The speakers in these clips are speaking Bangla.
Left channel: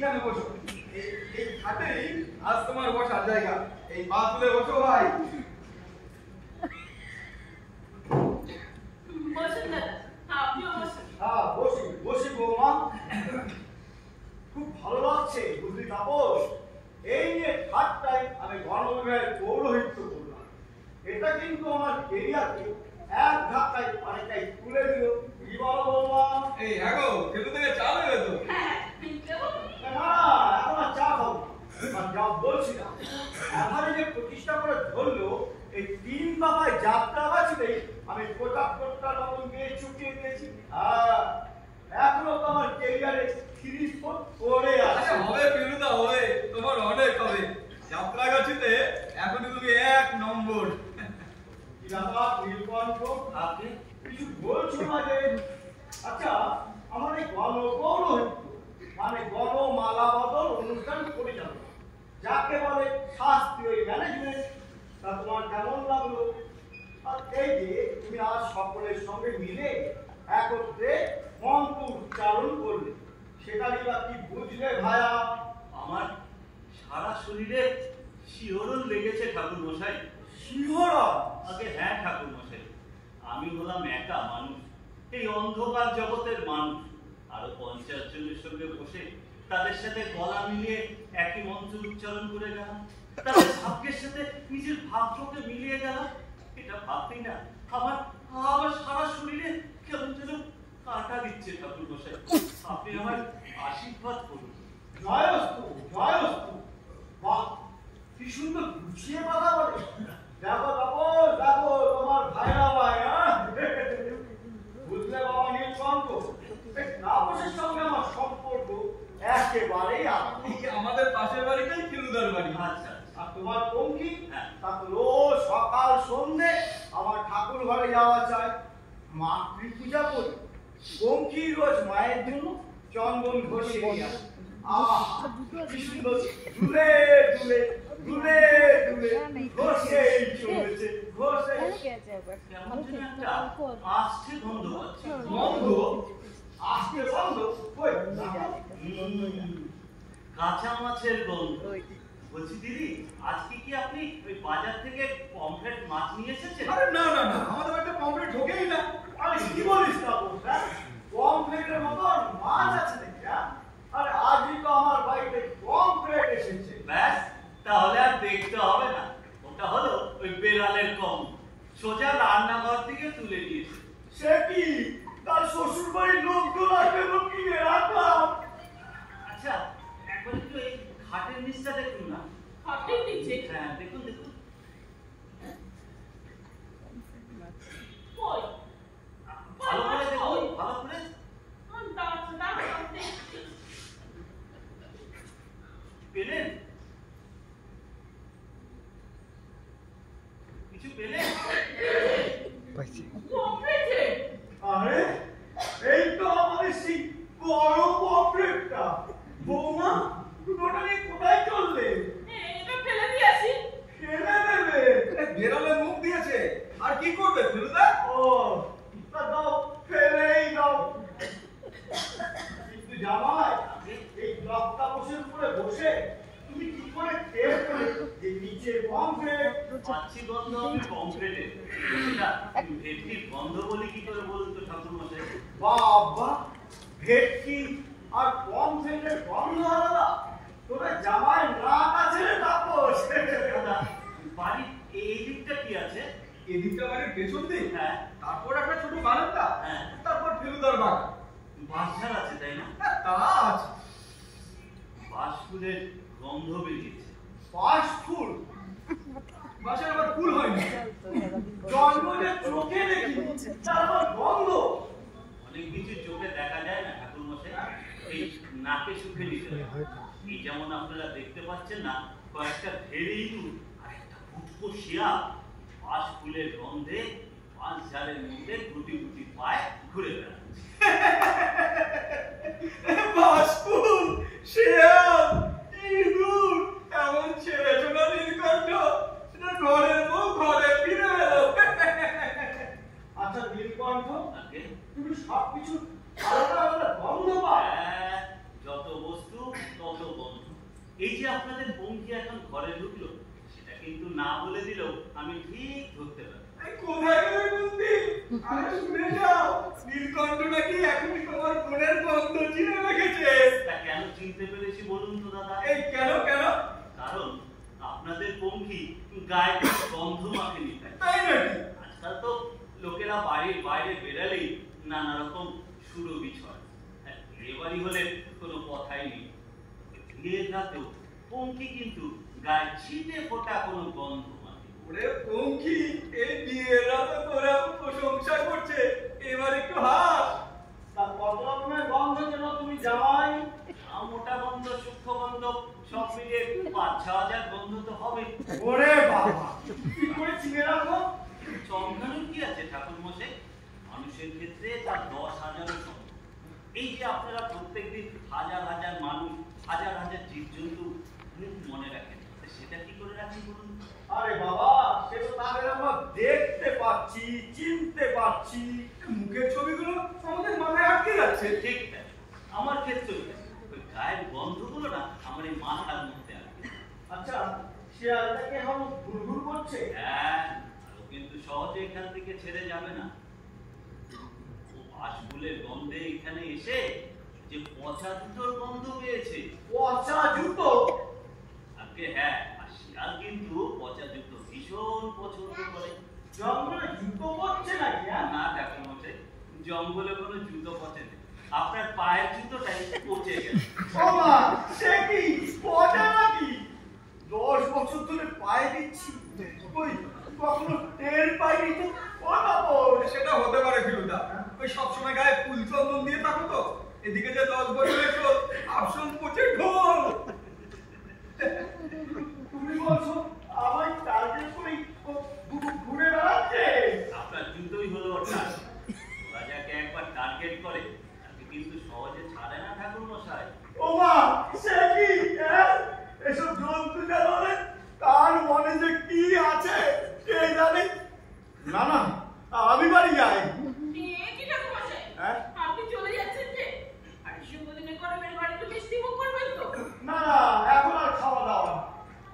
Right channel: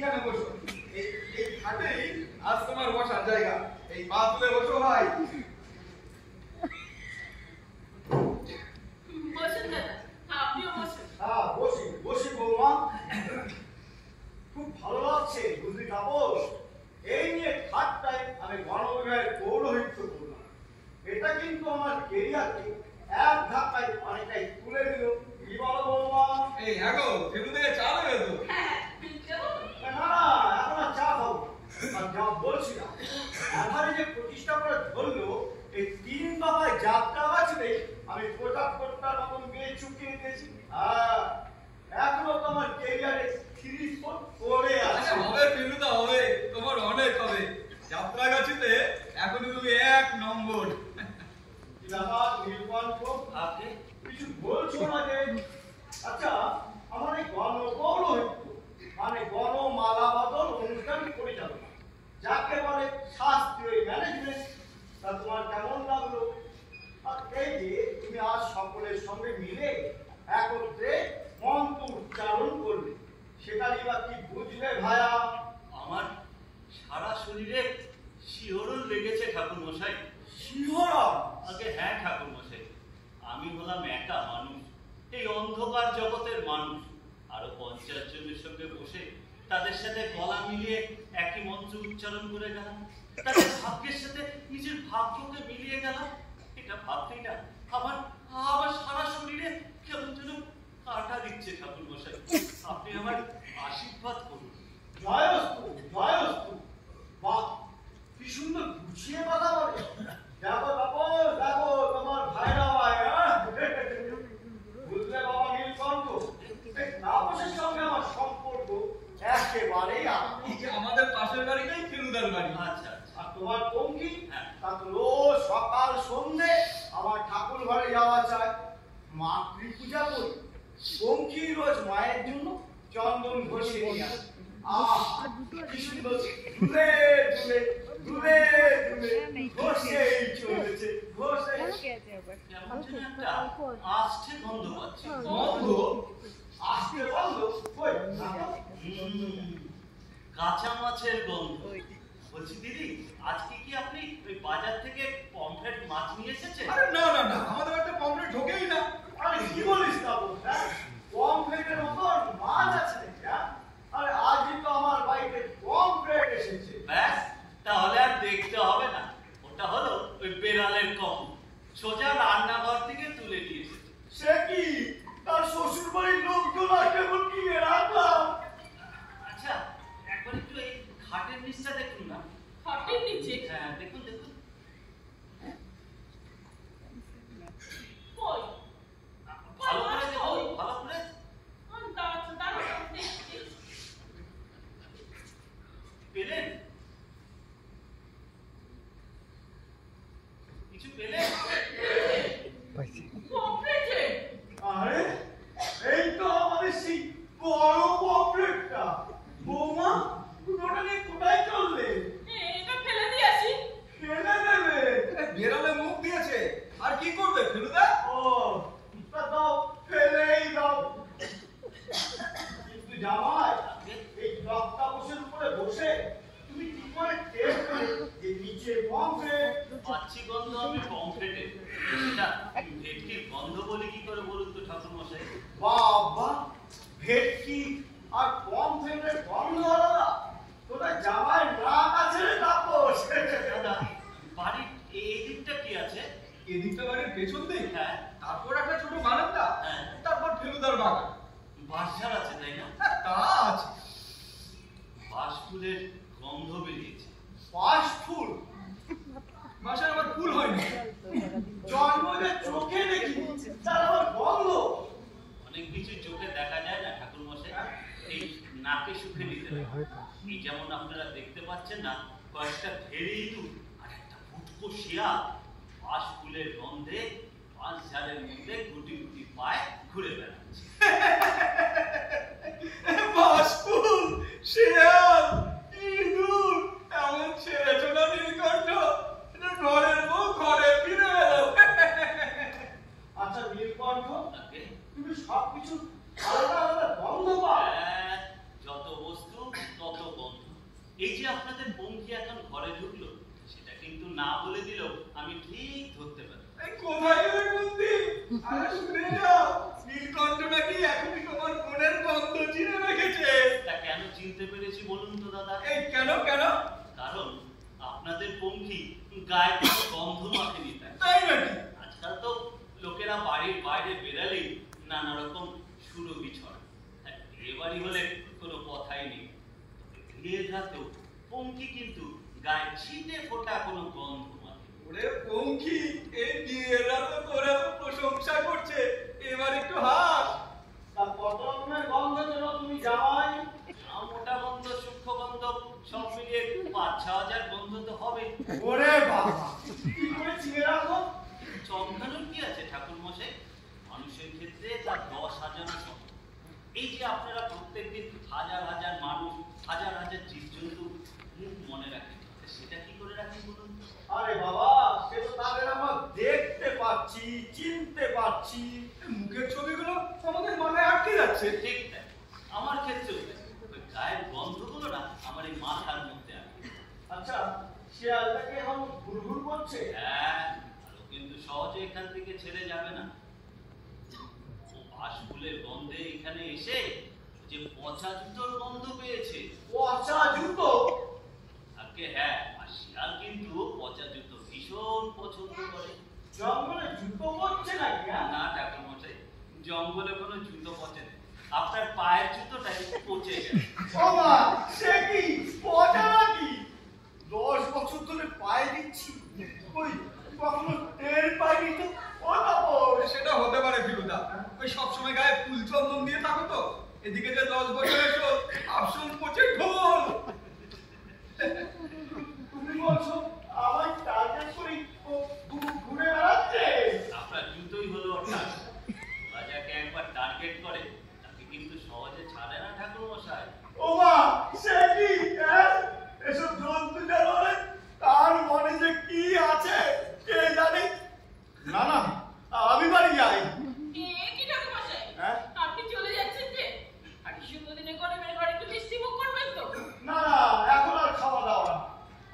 এইখানে বসো। এই খাটেই আজ তোমার বসার জায়গা। এই পা তুলে বসো ভাই। বসুন দাদা, আপনিও বসুন। হ্যাঁ বসি বসি বৌমা। খুব ভালো লাগছে বুঝলি তাপস, এই নিয়ে খাটটাই আমি গণবিভাগের পৌরোহিত্য করলাম। এটা কিন্তু আমার কেরিয়ারকে এক ধাক্কায় অনেকটাই তুলে দিল। কি বলো বৌমা? এই হ্যাঁ গো, ফেলু থেকে চা দেবে তো? হ্যাঁ, দেবো তো? না না, এখন আর চা খাবো আর যা বলছি না, এখানে যে প্রতিষ্ঠা করে ধরলো এই 3 দফায় যাত্রা গাছিতেই আমি কোটার মতন গিয়ে চুকিয়ে দিয়েছি। হ্যাঁ, এখনো তো আমার কেরিয়ারে 30 ফুট পরে আছে। হবে ফেলুদা, হবে, তোমার অনেক হবে। যাত্রাগাছিতে এখনই তুমি 1 নম্বর। আপনি কিছু বলছো না যে? আচ্ছা, আমার এই গণপৌরোহিত্য মানে গণমালা বদল অনুষ্ঠান পরিচালনা, যাকে বলে শাস্ত্রীয় ম্যানেজমেন্ট, তা তোমার কেমন লাগলো? আর এই যে তুমি আজ সকলের সঙ্গে মিলে একত্রে মন্ত্র উচ্চারণ করলে, সেটা নিয়ে কি বুঝলে ভায়া? আমার সারা শরীরে শিহরণ লেগেছে ঠাকুর মশাই। শিহরণ? আগে হ্যাঁ ঠাকুর মশাই, আমি হলাম একা মানুষ, এই অন্ধকার জগতের মানুষ। আরো 50 জনের সঙ্গে বসে তাদের সাথে গলা মিলিয়ে একই মন্ত্র উচ্চারণ করে গেলাম, তাদের ভাগ্যের সাথে নিজের ভাগ্যকে মিলিয়ে গেলাম। এটা ভাবতেই না আমার আমার সারা শরীরে কেমন যেন কাঁটা দিচ্ছে ঠাকুর মশাই। আপনি আমার আশীর্বাদ করুন। জয়স্তু জয়স্তু। বাহ, কি সুন্দর গুছিয়ে কথা বলে। দেখো তাপস, দেখো তোমার ভাইরা ভাই। বুঝলে বাবা নীলকণ্ঠ, তাপসের সঙ্গে আমার সম্পর্ক একেবারেই আলাদা। আমাদের পাশের বাড়িটাই ফেলুদার বাড়ি। আচ্ছা, আর তোমার পঙ্কি, হ্যাঁ। তা তো রোজ সকাল সন্ধ্যে আমার ঠাকুর ঘরে যাওয়া চাই, মাতৃ পূজা করি। পঙ্কি রোজ মায়ের জন্য চন্দন ঘষে নিয়ে আসে। আহ, কি সুন্দর দুলে দুলে দুলে দুলে ঘষেই চলেছে, ঘষে। কেমন যেন একটা আষ্টে গন্ধ পাচ্ছি। গন্ধ? আজকে বন্ধ কই? কাঁচা মাছের গন্ধ। বলছি দিদি, আজকে কি আপনি ওই বাজার থেকে পমফ্রেট মাছ নিয়ে এসেছেন? আরে না না না, আমাদের একটা পমফ্রেট ঢোকেই না। আরে কি বলিস না বলছ? পমফ্রেটের মতন মাছ আছে নাকি? আরে আজই তো আমার বাড়িতে পমফ্রেট এসেছে। ব্যাস, তাহলে আর দেখতে হবে না। ওটা হলো ওই বেড়ালের কম, সোজা রান্নাঘর থেকে তুলে নিয়ে এসেছে। সে কি তার শ্বশুর বাড়ির লোকজন আসবে কি রাখলাম? আচ্ছা, একবার একটু এই খাটের নিচটা দেখুন না। খাটের নিচে? হ্যাঁ, দেখুন দেখুন। কই? ভালো করে দেখুন, ভালো করে। দাঁড়াও, দেখছি। পেলেন? কিছু পেলেন? পমফ্রেটে? আরে এই তো আমাদের সেই বড় পমফ্রেটটা। বৌমা, ওটা নিয়ে কোথায় চললে? এটা ফেলে দিয়ে আসি। ফেলে দেবে? বেড়ালে মুখ দিয়েছে, আর কি করবে ফেলুদা? ও, তা দাও, ফেলেই দাও। কিন্তু জামাই, এই লকটা উপরে বসে তুমি কি করে টের পেলে যে নিচে পমফ্রেট? পাচ্ছি গন্ধ আমি পমফ্রেটের। সেটা ভেটকির গন্ধ বলে কি করে বলুন তো ঠাকুর মশাই? বাবা, ভেটকি আর পমফ্রেটের গন্ধ আলাদা? তোদের জামাই নাক আছে রে তাপস। দাদা, বাড়ির এই দিকটা কি আছে? এদিকটা বাড়ির পেছন দিক, হ্যাঁ। তারপর একটা ছোট বারান্দা, হ্যাঁ। তারপর ফেলুদার বাগান। বাঁশঝাড় আছে তাই না? হ্যাঁ, তা আছে। বাঁশ ফুলের গন্ধ বেরিয়েছে। পাঁচ ফুল? বাসায় আবার ফুল হয় না। জন্ম যে চোখে দেখি, তার আবার গন্ধ? অনেক কিছু চোখে দেখা যায় না ঠাকুর মশাই, এই নাকে সুখে নিতে হয়। এই যেমন আপনারা দেখতে পাচ্ছেন না, কয়েকটা ভেড়ি ইঁদুর আর একটা ফুটকো শিয়াল বাঁশ ফুলের গন্ধে বাঁশ ঝাড়ের মধ্যে গুটি গুটি পায়ে ঘুরে বেড়াচ্ছে। বাসফুল, শিয়াল, ইঁদুর, এমন ছেড়েছো না নীলকণ্ঠ, এটা ঘরের বউ ঘরে ফিরে এলো। আচ্ছা নীলকণ্ঠ, আগে তুমি সবকিছু আলাদা আলাদা গন্ধ পাও? যত বস্তু তত যে আপনাদের পঙ্খী এখন ঘরে ঢুকলো, সেটা কিন্তু না বলে দিলেও আমি ঠিক ধরতে পারি। এই কোথায় গেলে কুন্তি? আরে শুনে যাও, নীলকণ্ঠ নাকি এখনই তোমার বোনের গন্ধ চিনে রেখেছে। তা কেন চিনতে পেরেছি বলুন তো দাদা? এই কেন? কারণ আপনাদের পঙ্খী গায়ে কোনো গন্ধ মাখেনি তাই। তাই নাকি? আজকাল তো লোকেরা বাড়ির বাইরে বেরালেই নানা রকম সুরভি ছড়ায়। এ বাড়ি হলে কোনো কথাই নেই। বিয়ের রাতেও পঙ্খী কিন্তু গায়ে ছিটে ফোটা কোনো গন্ধ মাখে। ওরে পঙ্খী, এই বিয়ের রাতে তোর এত প্রশংসা করছে, এবার একটু হাস। তার কত রকমের গন্ধ যেন তুমি জামাই। মোটা গন্ধ, সূক্ষ্ম গন্ধ সব মিলিয়ে ৫-৬ হাজার গন্ধ তো হবে। ওরে বাবা, কি করে চিনে রাখো? চমকানোর কি আছে ঠাকুর মশাই? মানুষের ক্ষেত্রে তার ১০,০০০ সম্ভব। এই যে আপনারা প্রত্যেকদিন হাজার হাজার মানুষ, হাজার হাজার জীবজন্তু মুখ মনে রাখেন, সেটা কি করে রাখেন বলুন? আরে বাবা, সে তো তাদের আমরা দেখতে পাচ্ছি, চিনতে পাচ্ছি। মুখের ছবিগুলো আমাদের মাথায় আটকে যাচ্ছে। ঠিক তাই, আমার ক্ষেত্রেও তাই। ওই গায়ের গন্ধগুলো না আমার এই মাথার মধ্যে আটকে। আচ্ছা, শিয়ালটাকে এখন ঘুরঘুর করছে? হ্যাঁ, আর ও কিন্তু সহজে এখান থেকে ছেড়ে যাবে না। ও বাসফুলের গন্ধে এখানে এসে যে পচা জুতোর গন্ধ পেয়েছে। পচা জুতো? আগে হ্যাঁ, আর শিয়াল কিন্তু পচা জুতো ভীষণ পছন্দ করে। জঙ্গলে জুতো পরছে নাকি? না ঠাকুর মশাই, জঙ্গলে কোনো জুতো পচে নেই, আপনার পায়ের জুতোটাই পচে গেছে। ও মা, সে কি পচা নাকি? 10 বছর ধরে পায়ে দিচ্ছি, ওই কখনো টের পাইনি তো। ও বাবা, সেটা হতে পারে ফিরুদা, ওই সবসময় গায়ে ফুল চন্দন দিয়ে থাকো তো। এদিকে যে 10 বছরের শোধ আপসন পচে ঢোল। তুমি বলছো আমায় টার্গেট করে ঘুরে বেড়াচ্ছে? আপনার জুতোই হলো ওর টার্গেট। ওরা যাকে একবার টার্গেট করে তাকে কিন্তু সহজে ছাড়ে না ঠাকুর মশাই। ও মা, সে কি? এসব জন্তু জানোয়ারের কার মনে যে কি আছে কে জানে। না না, আমি বাড়ি যাই। কি ঠাকুর মশাই, হ্যাঁ? আপনি চলে যাচ্ছেন যে? আর শুভ দিনে গরমের ঘরে একটু মিষ্টি মুখ করবেন তো? না না, এখন আর খাওয়া দাওয়া না।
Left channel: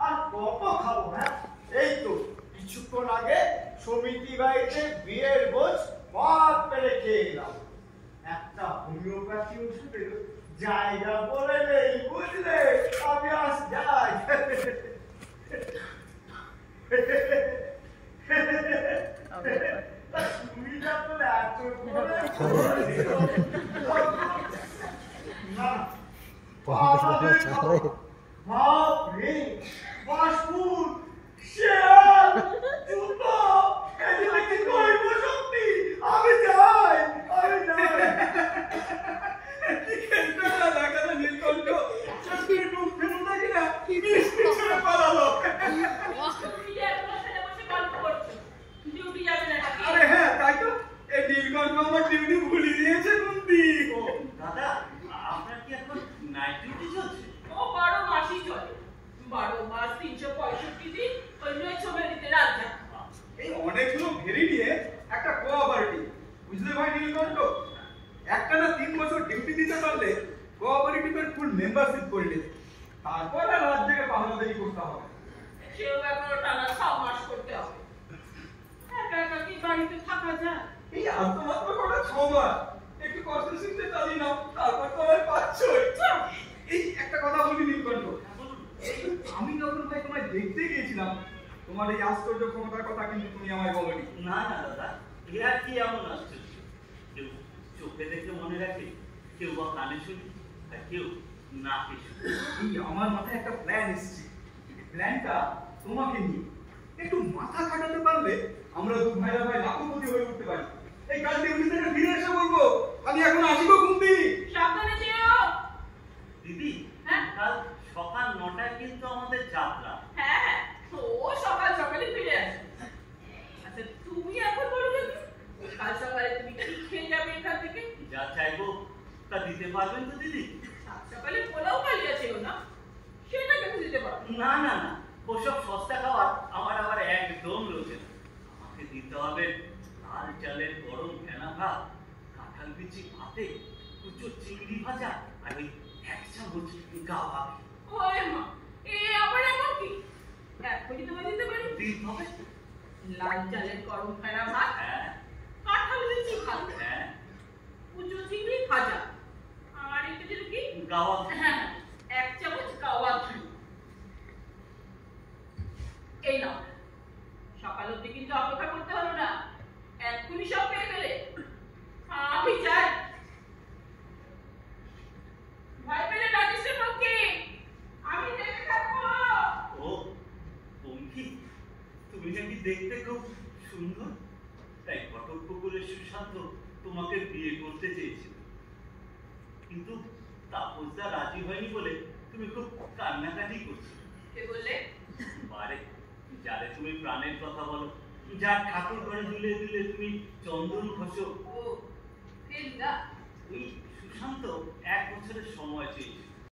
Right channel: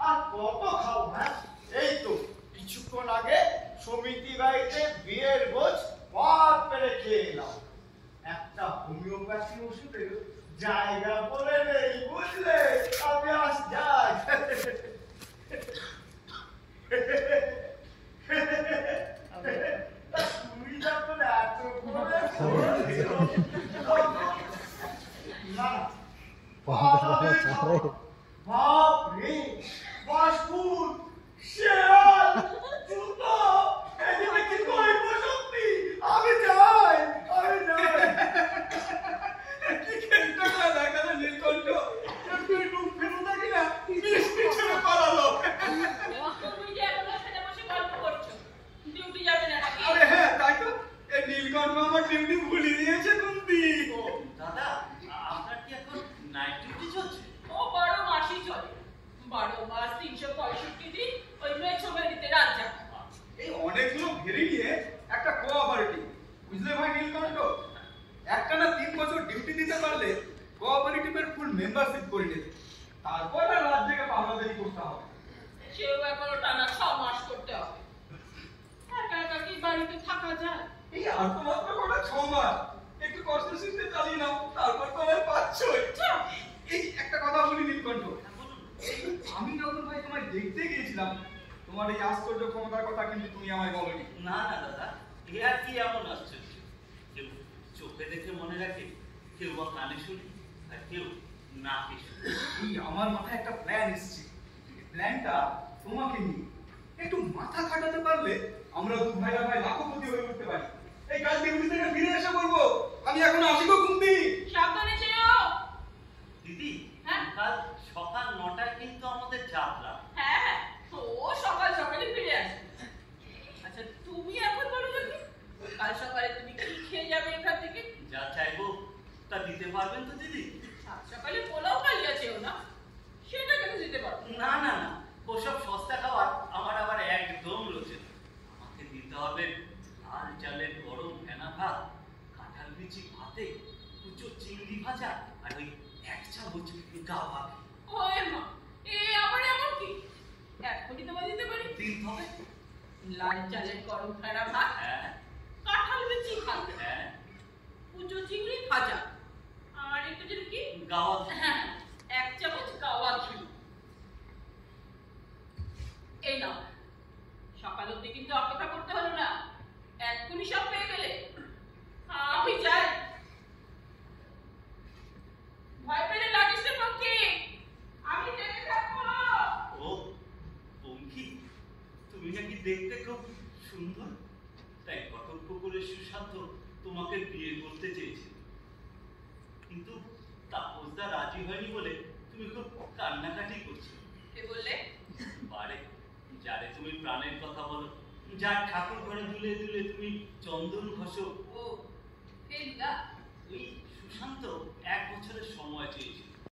আর কত খাবো? হ্যাঁ, এই তো কিছুক্ষণ আগে সমিতি বাড়িতে বিয়ের ভোজ ভাত পেরে খেয়ে এলাম। একটা হোমিওপ্যাথি ওষুধের জায়গা বলে নেই, বুঝলে? আমি আজ যাই। তুমি যখন এত করে বলেছো, না আমাদের খাবো। বাপ রে, বাসপুর, শিয়াল, জুতো, এদিকে কি কইব সত্যি? আমি যাই। কি খেলটা দেখা যায় নীলকণ্ঠ, চোখের ডুব ফেলুদা কিনা মিষ্টি ছেড়ে পালালো। তুমি যে এত বসে বসে গল্প করছো, ডিউটি যাবে না নাকি? আরে হ্যাঁ, তাই তো। এই নীলকণ্ঠ আমার ডিউটি ভুলিয়ে দিয়েছে কুন্তি। ও দাদা, আপনার কি এখন নাইট ডিউটি চলছে? ও 12 মাসই চলে। 12 মাস 365 দিন ওই নয় ছবিতে রাত জাগা। এই অনেকগুলো ভেরি নিয়ে একটা কোঅপারেটিভ, বুঝলে ভাই নীলকণ্ঠ? একটা না 3 বছর ডিউটি দিতে পারলে কোঅপারেটিভের ফুল মেম্বারশিপ করে নেবে। তারপর আর রাত জেগে পাহারাদারি করতে হবে। সেও এখনো টানা 6 মাস করতে হবে। একা একা কি বাড়িতে থাকা যায়? এই আর তো মাত্র কটা 6 মাস, একটু কষ্ট শিখতে চালিয়ে নাও, তারপর তো আর পাচ্ছই। এই একটা কথা বলি নীলকণ্ঠ, এই আমি যখন ভাই তোমায় দেখতে গিয়েছিলাম, তোমার এই আশ্চর্য ক্ষমতার কথা কিন্তু তুমি আমায় বলোনি। না না দাদা, এ আর কি এমন আশ্চর্য? কেউ চোখে দেখে মনে রাখে, কেউ বা কানে শুনে, আর কেউ নাকে শুনে। এই আমার মাথায় একটা প্ল্যান এসেছে। এই প্ল্যানটা তোমাকে নিয়ে একটু মাথা খাটাতে পারলে আমরা দু ভাইরা ভাই লাখপতি হয়ে উঠতে পারি। এই কাল ডিউটি থেকে ফিরে এসে বলবো, আমি এখন আসি গো কুন্তি। সাবধানে যেও। দিদি, হ্যাঁ? কাল সকাল 9টায় কিন্তু আমাদের যাত্রা। হ্যাঁ হ্যাঁ, ও সকাল সকালে ফিরে আসবে। আচ্ছা তুমি এখন বলো দেখি, কাল সকালে তুমি কি খেয়ে যাবে এখান থেকে? যা চাইবো তা দিতে পারবেন তো দিদি? সাত সকালে পোলাও খাইয়াছেও না, সেটা কেন দিতে পারো? না না না, ওসব সস্তা খাবার আমার আবার একদম রোচে না। আমাকে দিতে হবে লাল চালের গরম ফেনা ভাত, কাঁঠাল বিচি ভাতে, কুচো চিংড়ি ভাজা, আর ওই 1 চামচ গা ভাত। ওরে মা, এ আবার এমন কি? এখনই তোমায় দিতে পারি। দিন হবে। লাল চালের গরম ফেরা ভাত, হ্যাঁ কাঁঠাল বিচি ভাত, হ্যাঁ কুচো চিংড়ি ভাজা, আর একটু যেন কি গাওয়া হ্যাঁ 1 চামচ গাওয়া ঘি। এই নাও। সকাল অবধি কিন্তু অপেক্ষা করতে হলো না, এক্ষুনি সব পেয়ে গেলে। আমি যাই। ভয় পেলে ডাকিস রে পক্ষী, আমি দেখে থাকবো। ও পঙ্খী, তুমি নাকি দেখতে খুব সুন্দর, তাই ঘটক পুকুরের সুশান্ত তোমাকে বিয়ে করতে চেয়েছিল, কিন্তু তাপসদা রাজি হয়নি বলে তুমি খুব কান্নাকাটি করছিলে। কে বললে? বারে যারে তুমি প্রাণের কথা বলো, যার ঠাকুর ঘরে দুলে দুলে তুমি চন্দন ঘষো, ও এই না, ওই সুশান্ত 1 বছরের সময় চেয়েছিল।